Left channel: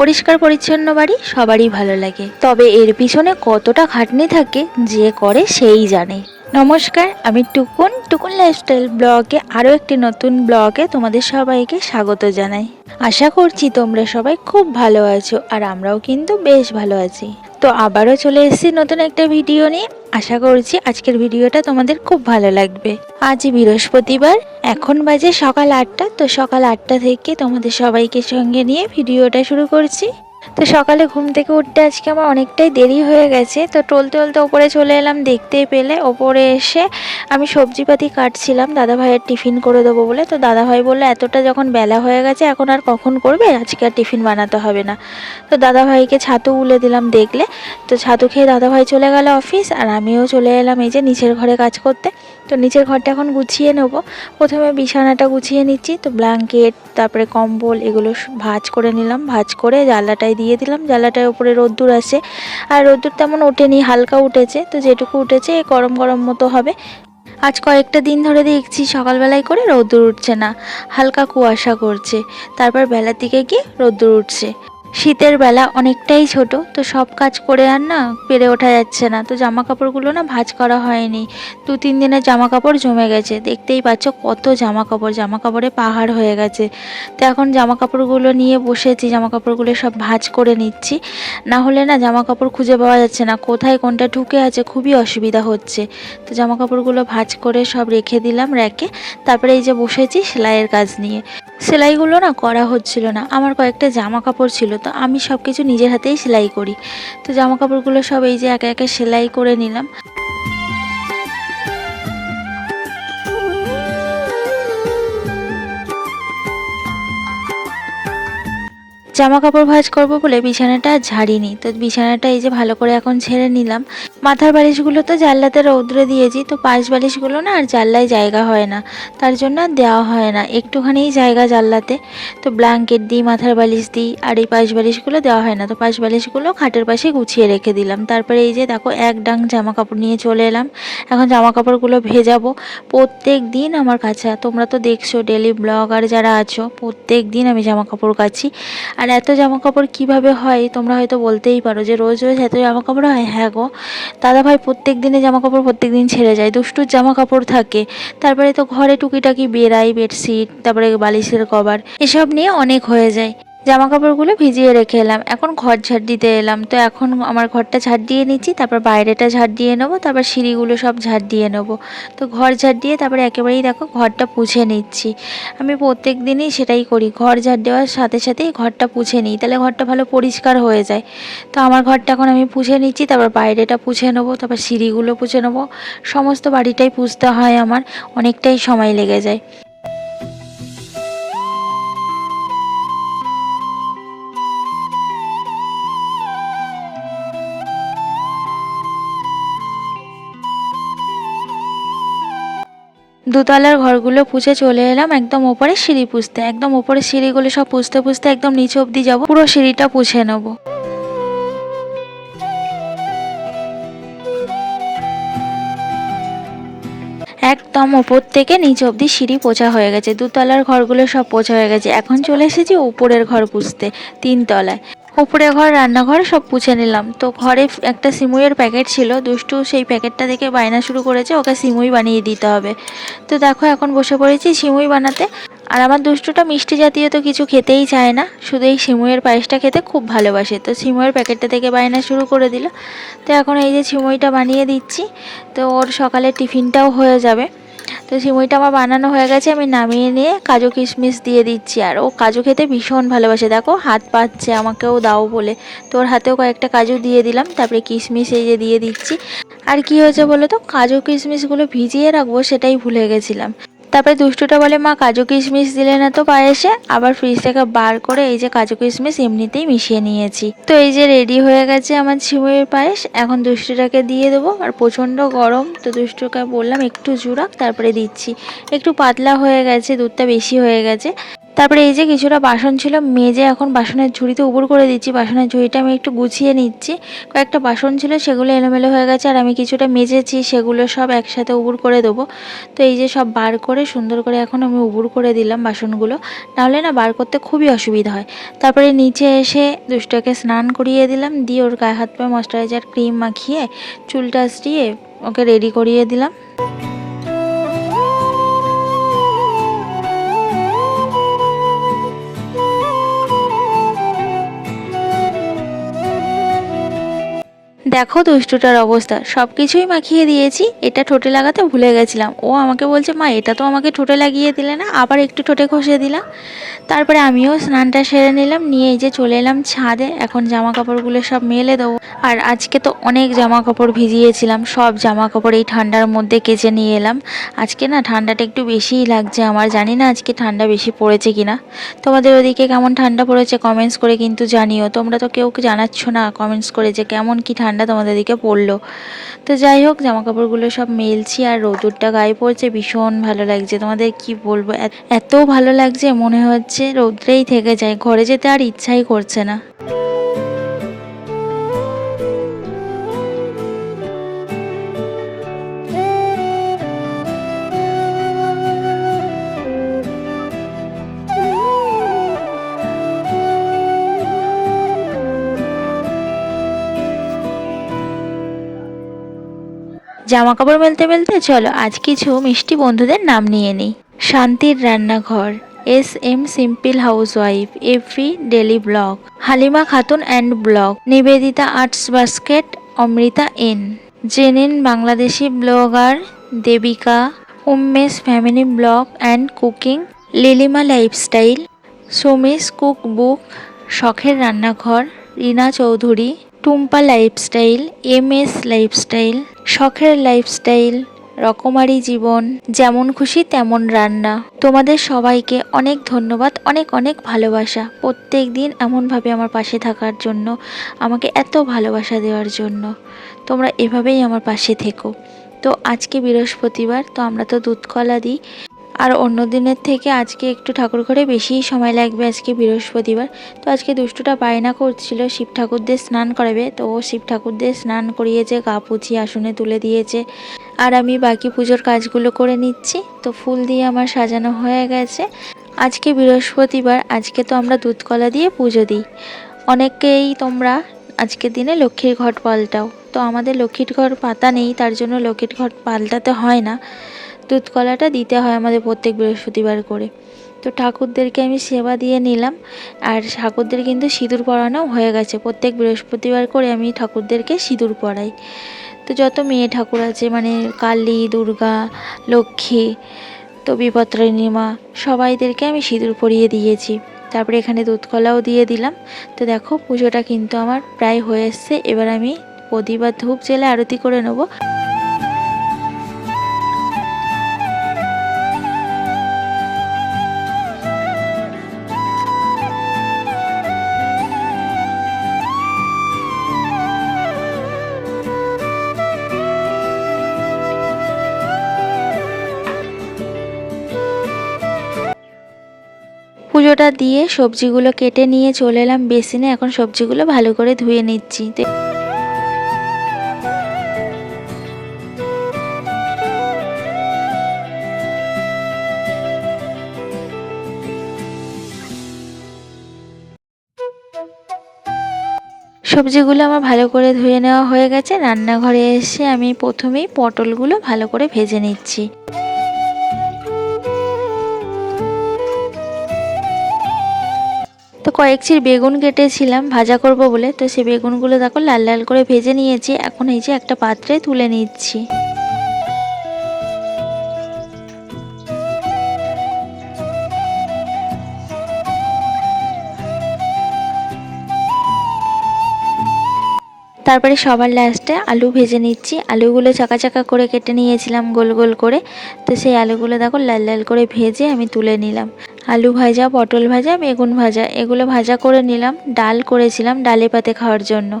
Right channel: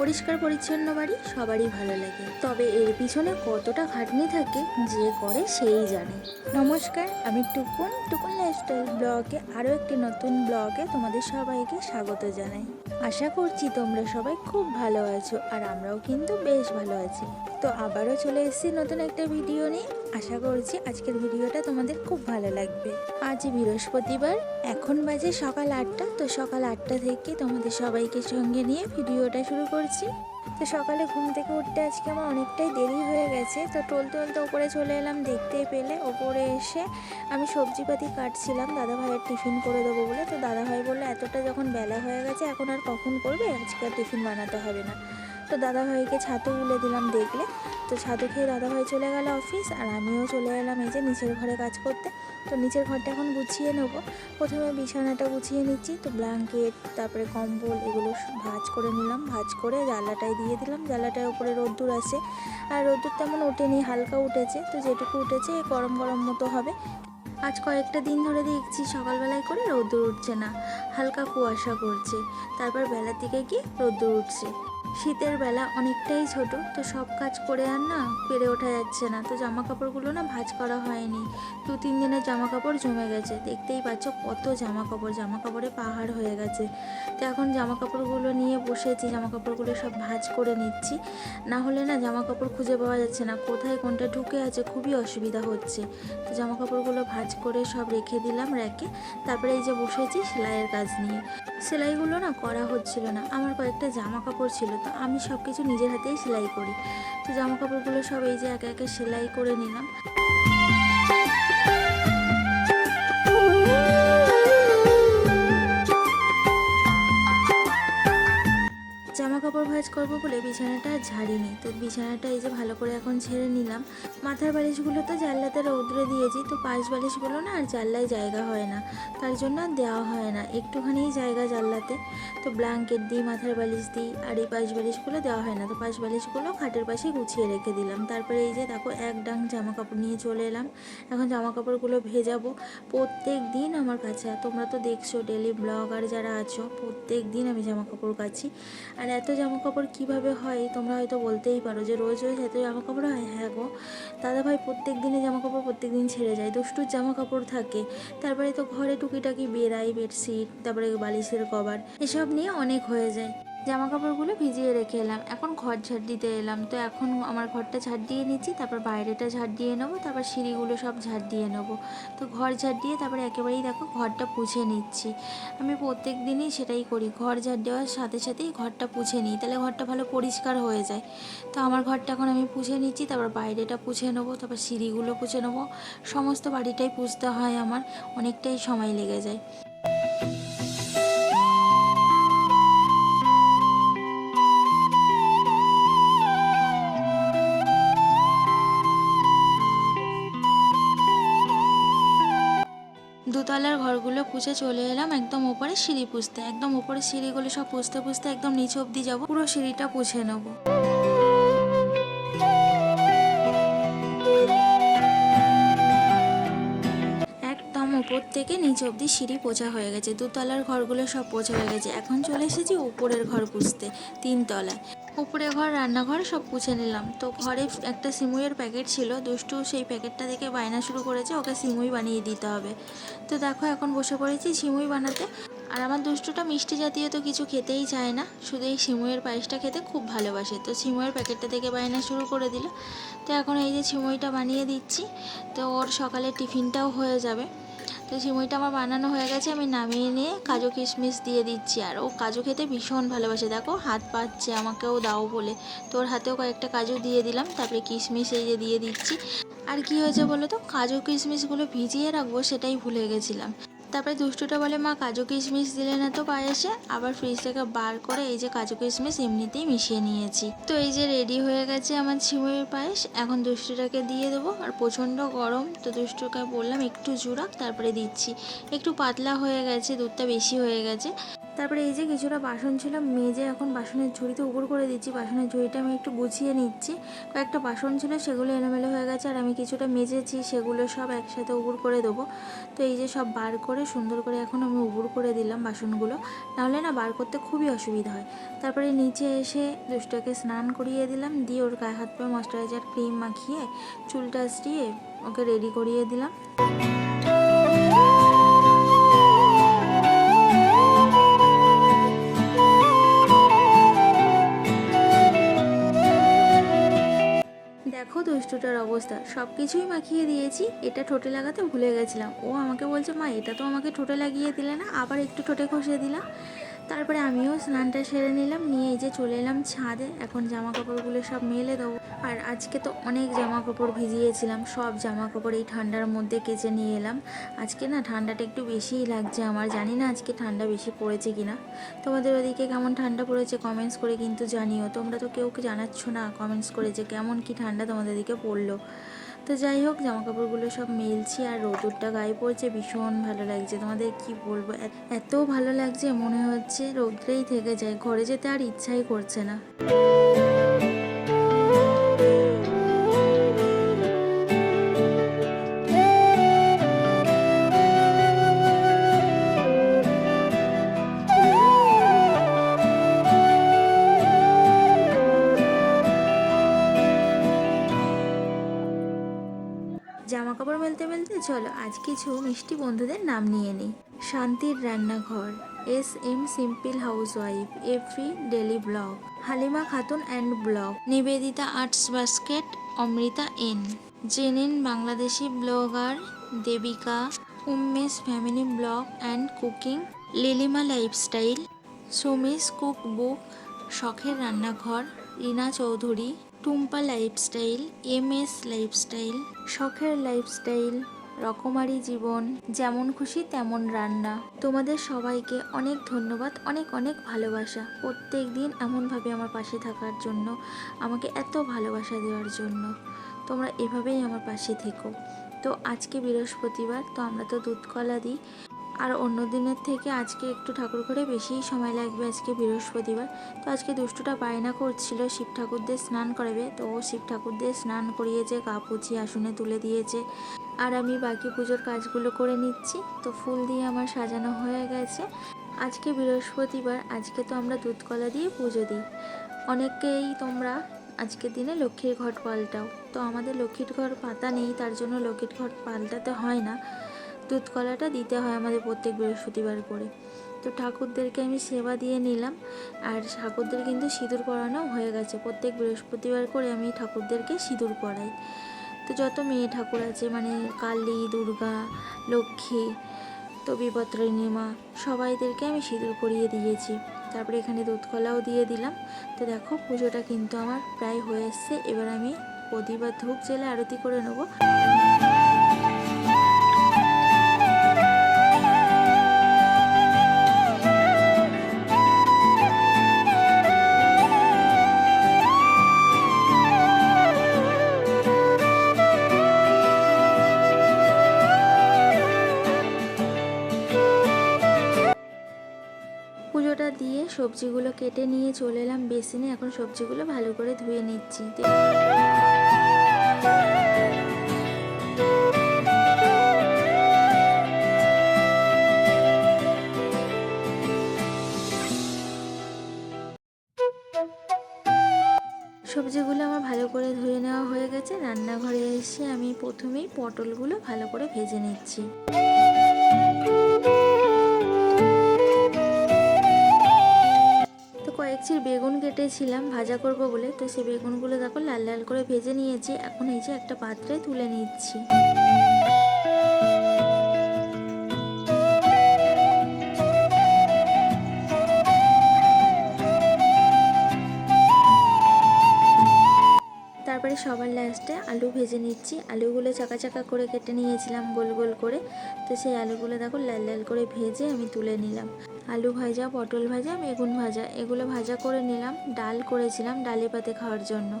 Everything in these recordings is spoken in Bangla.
পরিষ্কার পরিচ্ছন্ন বাড়ি সবারই ভালো লাগে, তবে এর পিছনে কতটা খাটনি থাকে যে করে সেই জানে। নমস্কার, আমি টুকুন লাইফস্টাইল ব্লগে আরও একটি নতুন ব্লগে তোমাদের সবাইকে স্বাগত জানাই। আশা করছি তোমরা সবাই খুব ভালো আছো, আর আমরাও কিন্তু বেশ ভালো আছি। তো আবারও চলে এসেছি নতুন একটা ভিডিও নিয়ে। আশা করছি আজকের ভিডিওটা তোমাদের খুব ভালো লাগবে। আজ বৃহস্পতিবার, এখন বাজে সকাল 8টা। তো সকাল 8টা থেকে তোমাদের সবাইকে সঙ্গে নিয়ে ভিডিওটা শুরু করছি। তো সকালে ঘুম থেকে উঠতে আজকে আমার অনেকটাই দেরি হয়ে গেছে। তো টলতে ওপরে চলে এলাম, দেখতেই পেলে ওপরে এসে আমি সবজিপাতি কাটছিলাম দাদাভাইয়ের টিফিন করে দেবো বলে। তো দাদাভাই বললো এতটা যখন বেলা হয়ে গেছে এখন আর কখন করবে, আজকে আর টিফিন বানাতে হবে না। তো দাদাভাইকে ছাতু উলে দিলাম দেখলে। তো ছাতু খেয়ে দাদাভাই চলে গেল অফিস, আর আমিও চলে এলাম এই যে নিচের ঘরে কাজ করতে। তো নিচের ঘরটা এখন গুছিয়ে নেবো। প্রথমে বিছানাটা গুছিয়ে নিচ্ছি। তো ব্ল্যাঙ্কেট, তারপরে কম্বল, এগুলো ভাঁজ করে নিলাম। ভাঁজ করে জানলাটায় দিয়ে দিলাম। জানলাটার উপরে রোদ্দুর আছে, আর রোদ্দুর তেমন ওঠেনি, হালকা উঠেছে। তো যেটুকু উঠেছে গরম গরম মতো হবে। আজ কয়েকটা দিন ধরে দেখছি সকালবেলায় করে রোদ্দুর উঠছে না, হালকা কুয়াশা করছে, তারপর বেলার দিকে গিয়ে রোদ্দুর উঠছে। শীতের বেলা অনেকটাই ছোট, তো সব কাজ করে আর না পেরে ওঠা যাচ্ছে না। তো জামা কাপড়গুলো না ভাঁজ করা হয়নি, 2-3 দিনের জামা কাপড় জমে গেছে। দেখতেই পাচ্ছ কত জামা কাপড়ে পাহাড় হয়ে গেছে। তো এখন জামা কাপড়গুলো নিয়ে বসেছি, জামা কাপড়গুলো সব ভাঁজ করে নিচ্ছি। না হলে না জামা কাপড় খুঁজে পাওয়া যাচ্ছে না, কোথায় কোনটা ঢুকে আছে, খুবই অসুবিধা হচ্ছে। তো জামা কাপড়গুলো ভাঁজ করে সব রেখে দিলাম র্যাকে। তারপরে এই যে বসেছি সেলাইয়ের কাজ নিয়ে। সেলাইগুলো না করা হচ্ছিল না। আমার কয়েকটা জামা কাপড় ছিল, তো আমি সব কিছু নিজের হাতেই সেলাই করি। তো জামা কাপড়গুলো সব এই যে একে একে সেলাই করে নিলাম। জামা কাপড় ভাঁজ করবো বলে বিছানাটা ঝাড়িনি। তো বিছানাটা এই যে ভালো করে এখন ঝেড়ে নিলাম। মাথার বালিশগুলো তো জানলাতে রৌদ্রে দিয়েছি, তো পাশ বালিশগুলো না আর জানলায় জায়গা হয় না, তার জন্য আর দেওয়া হয় না, একটুখানিই জায়গা জানলাতে। তো ব্ল্যাঙ্কেট দিই, মাথার বালিশ দিই, আর এই পাশ বালিশগুলো দেওয়া হয় না। তো পাশ বালিশগুলো খাটের পাশে গুছিয়ে রেখে দিলাম। তারপরে এই যে দেখো এক ডাং জামা কাপড় নিয়ে চলে এলাম। এখন জামা কাপড়গুলো ভেজাবো। প্রত্যেক দিন আমার কাছে, তোমরা তো দেখছো ডেলি ব্লগার যারা আছো, প্রত্যেক দিন আমি জামা কাপড় কাচি। আর এত জামা কাপড় কীভাবে হয় তোমরা হয়তো বলতেই পারো যে রোজ রোজ এত জামা কাপড় হয়। হ্যাঁ গো, দাদাভাই প্রত্যেক দিনে জামা কাপড় প্রত্যেক দিন ছেড়ে যায়, দুষ্টুর জামা কাপড় থাকে। তারপরে তো ঘরে টুকিটাকি বেড়াই, বেডশিট, তারপরে বালিশের কভার, এসব নিয়ে অনেক হয়ে যায়। জামা কাপড়গুলো ভিজিয়ে রেখে এলাম, এখন ঘর ঝাড় দিতে এলাম। তো এখন আমার ঘরটা ঝাড় দিয়ে নিচ্ছি, তারপর বাইরেটা ঝাড় দিয়ে নেবো, তারপর সিঁড়িগুলো সব ঝাড় দিয়ে নেবো। তো ঘর ঝাড় দিয়ে তারপরে একেবারেই দেখো ঘরটা পুছে নিচ্ছি। আমি প্রত্যেক দিনই সেটাই করি, ঘর ঝাড় দেওয়ার সাথে সাথেই ঘরটা পুছে নিই, তাহলে ঘরটা ভালো পরিষ্কার হয়ে যায়। তো আমার ঘরটা এখন আমি পুছে নিচ্ছি, তারপর বাইরেটা পুছে নেবো, তারপর সিঁড়িগুলো পুছে নেবো। সমস্ত বাড়িটাই পুছতে হয় আমার, অনেকটাই সময় লেগে যায়। দোতলার ঘরগুলো পুছে চলে এলাম একদম ওপরে সিঁড়ি পুছতে। একদম ওপরে সিঁড়িগুলো সব পুছতে পুছতে একদম নিচে অবধি যাবো, পুরো সিঁড়িটা পুছে নেবো। একদম ওপর থেকে নিচে অবধি সিঁড়ি পোছা হয়ে গেছে, দোতলার ঘরগুলো সব পোছা হয়ে গেছে। এখন চলে এসেছি উপরের ঘর পুছতে, 3 তলায়। উপরে ঘর, রান্নাঘর সব পুছে নিলাম। তো ঘরে একটা সিমুইয়ের প্যাকেট ছিল, দুষ্টু সেই প্যাকেটটা দেখে বায়না শুরু করেছে ওকে সিমুই বানিয়ে দিতে হবে। তো দেখো এখন বসে পড়েছি সিমুই বানাতে। আর আমার দুষ্টুটা মিষ্টি জাতীয় তো কিছু খেতেই চায় না, শুধু এই সিমুইয়ের পায়েসটা খেতে খুব ভালোবাসে। তো সিমুইয়ের প্যাকেটটা থেকে বায়না শুরু করে দিল। তো এখন এই যে সিমুইটা বানিয়ে দিচ্ছি, তো ওর সকালে টিফিনটাও হয়ে যাবে। তো সিমুইটা আমার বানানো হয়ে গেছে, আমি নামিয়ে নিয়ে কাজু কিশমিশ দিয়ে দিচ্ছি। আর ও কাজু খেতে ভীষণ ভালোবাসে, দেখো হাত পাচ্ছে আমাকেও দাও বলে, তো ওর হাতেও কয়েকটা কাজু দিয়ে দিলাম। তারপরে কিশমিশ এই যে দিয়ে দিচ্ছি। আর কি হয়েছে বলো তো, কাজু কিশমিশগুলো ভিজিয়ে রাখবো সেটাই ভুলে গেছিলাম। তারপরে দুষ্টুটা বলে, মা কাজু কিশমিশ দিলে না তো পায়েসে। আবার ফ্রিজ থেকে বার করে এই যে কাজু কিশমিশ এমনিতেই মিশিয়ে নিয়েছি। তো এই যে রেডি হয়ে গেছে আমার সিমুইয়ের পায়েস। এখন দুষ্টুটাকে দিয়ে দেবো। আর প্রচণ্ড গরম, তো দুষ্টুকে বললাম একটু জুড়াক, তারপরে দিচ্ছি। একটু পাতলা হয়ে গেছে, দুধটা বেশি হয়ে গেছে। তারপরে এই যে কিছুটা বাসন ছিল মেজে এখন বাসনের ঝুড়িতে উবুর করে দিচ্ছি। বাসনের ঝুড়িটা আমি একটু গুছিয়ে নিচ্ছি, কয়েকটা বাসন ছিল সেগুলো এলোমেলো হয়ে গেছে, আর আমি কিছুটা মেজেছি, সেগুলো সব একসাথে উবুর করে দেবো। তো এই যে সব বার করে সুন্দর করে এখন আমি উবুর করে দিলাম বাসনগুলো, নাহলে না বার করতে খুবই অসুবিধা হয়। তারপরে নিচে এসে দুষ্টুকে স্নান করিয়ে দিলাম, দিয়ে ওর গায়ে হাত পায়ে ময়শ্চারাইজার ক্রিম মাখিয়ে চুলটা আসটিয়ে ওকে রেডি করিয়ে দিলাম। দেখো দুষ্টুটার অবস্থা, সব কিছুই মাখিয়ে দিয়েছি, এটা ঠোঁটে লাগাতে ভুলে গেছিলাম। ও আমাকে বলছে, মা এটা তো আমাকে ঠোঁটে লাগিয়ে দিলে না, আবার একটু ঠোঁটে ঘষে দিলাম। তারপরে আমিও স্নানটা সেরে নিলাম, নিয়ে এই যে চলে এলাম ছাদে। এখন জামা কাপড়গুলো সব মেলে দেবো। আর আজকে তো অনেক জামা কাপড় ভিজিয়েছিলাম, সব জামা কাপড় এই ঠান্ডার মধ্যে কেচে নিয়ে এলাম। আজকে না ঠান্ডাটা একটু বেশিই লাগছে আমার, জানি না আজকে ঠান্ডা বেশি পড়েছে কিনা। তোমাদের ওদিকে কেমন ঠান্ডা পড়েছে কমেন্টস করে কিন্তু জানিও। তোমরা তো কেউ জানাচ্ছ না কমেন্টস করে যে কেমন কি ঠান্ডা তোমাদের দিকে পড়লো। তো যাই হোক, জামা কাপড়গুলো সব মেলছি, আর রোদুরটা গায়ে পড়ছে, ভীষণ ভালো লাগছে। তোমাদের কি বলবো, এত ভালো লাগছে, মনে হচ্ছে রোদ্রেই থেকে যায়, ঘরে যেতে আর ইচ্ছাই করছে না। জামা কাপড় মেলতে মেলতে চলো আজ কিছু মিষ্টি বন্ধুদের নাম নিয়ে নিই। শান্তির রান্নাঘর, SM সিম্পল হাউসওয়াইফ, এফি daily blog, Halima Khatun and blog, Nivedita arts basket, Amrita N, জেনিন বাংলাদেশি ব্লগার, দেবিকা, উম্মেশ ফ্যামিলি ব্লগ অ্যান্ড কুকিং, লিলিমা লাইফস্টাইল, সুমিস কুক বুক, শখের রান্নাঘর, Rina Chowdhury, Tumpa lifestyle, MS lifestyle, শখের লাইফস্টাইল, রকমারি জীবন, যেমন খুশি তেমন রান্না। তোমাদের সবাইকে অনেক ধন্যবাদ, অনেক অনেক ভালোবাসা প্রত্যেক দিন এমনভাবে আমার পাশে থাকার জন্য, আমাকে এত ভালোবাসা দেওয়ার জন্য। তোমরা এভাবেই আমার পাশে থেকো। তো আজকে বৃহস্পতিবার, তো আমরা তো দুধ কলা দিই, আর অন্য দিনের থেকে আজকে একটু ঠাকুর ঘরে বেশিই সময় লাগবে, আজকে বৃহস্পতিবার। তো আজকে দুষ্টুটা বায়না করছিল শিব ঠাকুরদের স্নান করাবে, তো ও শিব ঠাকুরদের স্নান করিয়েছে, গা পুছিয়ে আসনে তুলে দিয়েছে, আর আমি বাকি পুজোর কাজগুলো করে নিচ্ছি। তো ফুল দিয়ে আমার সাজানো হয়ে গেছে। আজকে বৃহস্পতিবার, আজকে তো আমরা দুধ কলা দিয়ে পুজো দিই। অনেকেই তোমরা আজকের দিনে লক্ষ্মীর ঘট পাল্টাও, তো আমাদের লক্ষ্মীর ঘর পাতা নেই, তার জন্য লক্ষ্মীর ঘট পাল্টাতে হয় না। দুধ কলাটা দিতে হয় আমাদের প্রত্যেক বৃহস্পতিবার করে। তো ঠাকুরদেরকে আমি সেবা দিয়ে নিলাম, আর ঠাকুরদের কিন্তু সিঁদুর পরানো হয়ে গেছে। প্রত্যেক বৃহস্পতিবার করে আমি ঠাকুরদেরকে সিঁদুর পরাই। তো যত মেয়ে ঠাকুর আছে, মানে কালী, দুর্গা, লক্ষ্মী, তো বিপত্তারিণী মা, সবাইদেরকে আমি সিঁদুর পরিয়ে দিয়েছি। তারপরে এখানে দুধ কলাও দিয়ে দিলাম। তো দেখো পুজোটা কিন্তু আমার প্রায় হয়ে এসছে। এবার আমি প্রদীপ আর ধূপ জ্বেলে আরতি করে নেবো। পুজোটা দিয়ে সবজিগুলো কেটে নিয়ে চলে এলাম বেসিনে। এখন সবজিগুলো ভালো করে ধুয়ে নিচ্ছি। সবজিগুলো আমার ভালো করে ধুয়ে নেওয়া হয়ে গেছে। রান্নাঘরে এসে আমি প্রথমেই পটলগুলো ভালো করে ভেজে নিচ্ছি। তো কয়েক চির বেগুন কেটেছিলাম ভাজা করব বলে, তো সেই বেগুনগুলো দেখো লাল লাল করে ভেজে নিয়েছি। এখন এই যে একটা পাত্রে তুলে নিচ্ছি। তারপরে সবার লাস্টে আলু ভেজে নিচ্ছি। আলুগুলো চাকা চাকা করে কেটে নিয়েছিলাম গোল গোল করে। তো সেই আলুগুলো দেখো লাল লাল করে ভেজে আমি তুলে নিলাম। আলু ভাজা, পটল ভাজা, বেগুন ভাজা এগুলো ভাজা করে নিলাম। ডাল করেছিলাম ডালে পাতে খাওয়ার জন্য।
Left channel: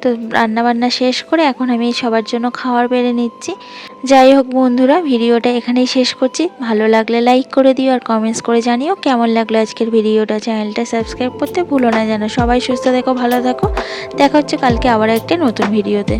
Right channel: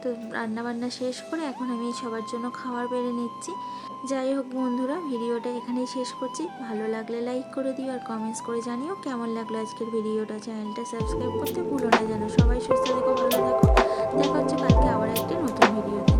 তো রান্নাবান্না শেষ করে এখন আমি সবার জন্য খাবার বেড়ে নিচ্ছি। যাই হোক বন্ধুরা, ভিডিওটা এখানেই শেষ করছি। ভালো লাগলে লাইক করে দিও আর কমেন্টস করে জানিও কেমন লাগলো আজকের ভিডিওটা। চ্যানেলটা সাবস্ক্রাইব করতে ভুলো না যেন। সবাই সুস্থ থেকো, ভালো থাকো। দেখা হচ্ছে কালকে আবার একটা নতুন ভিডিওতে।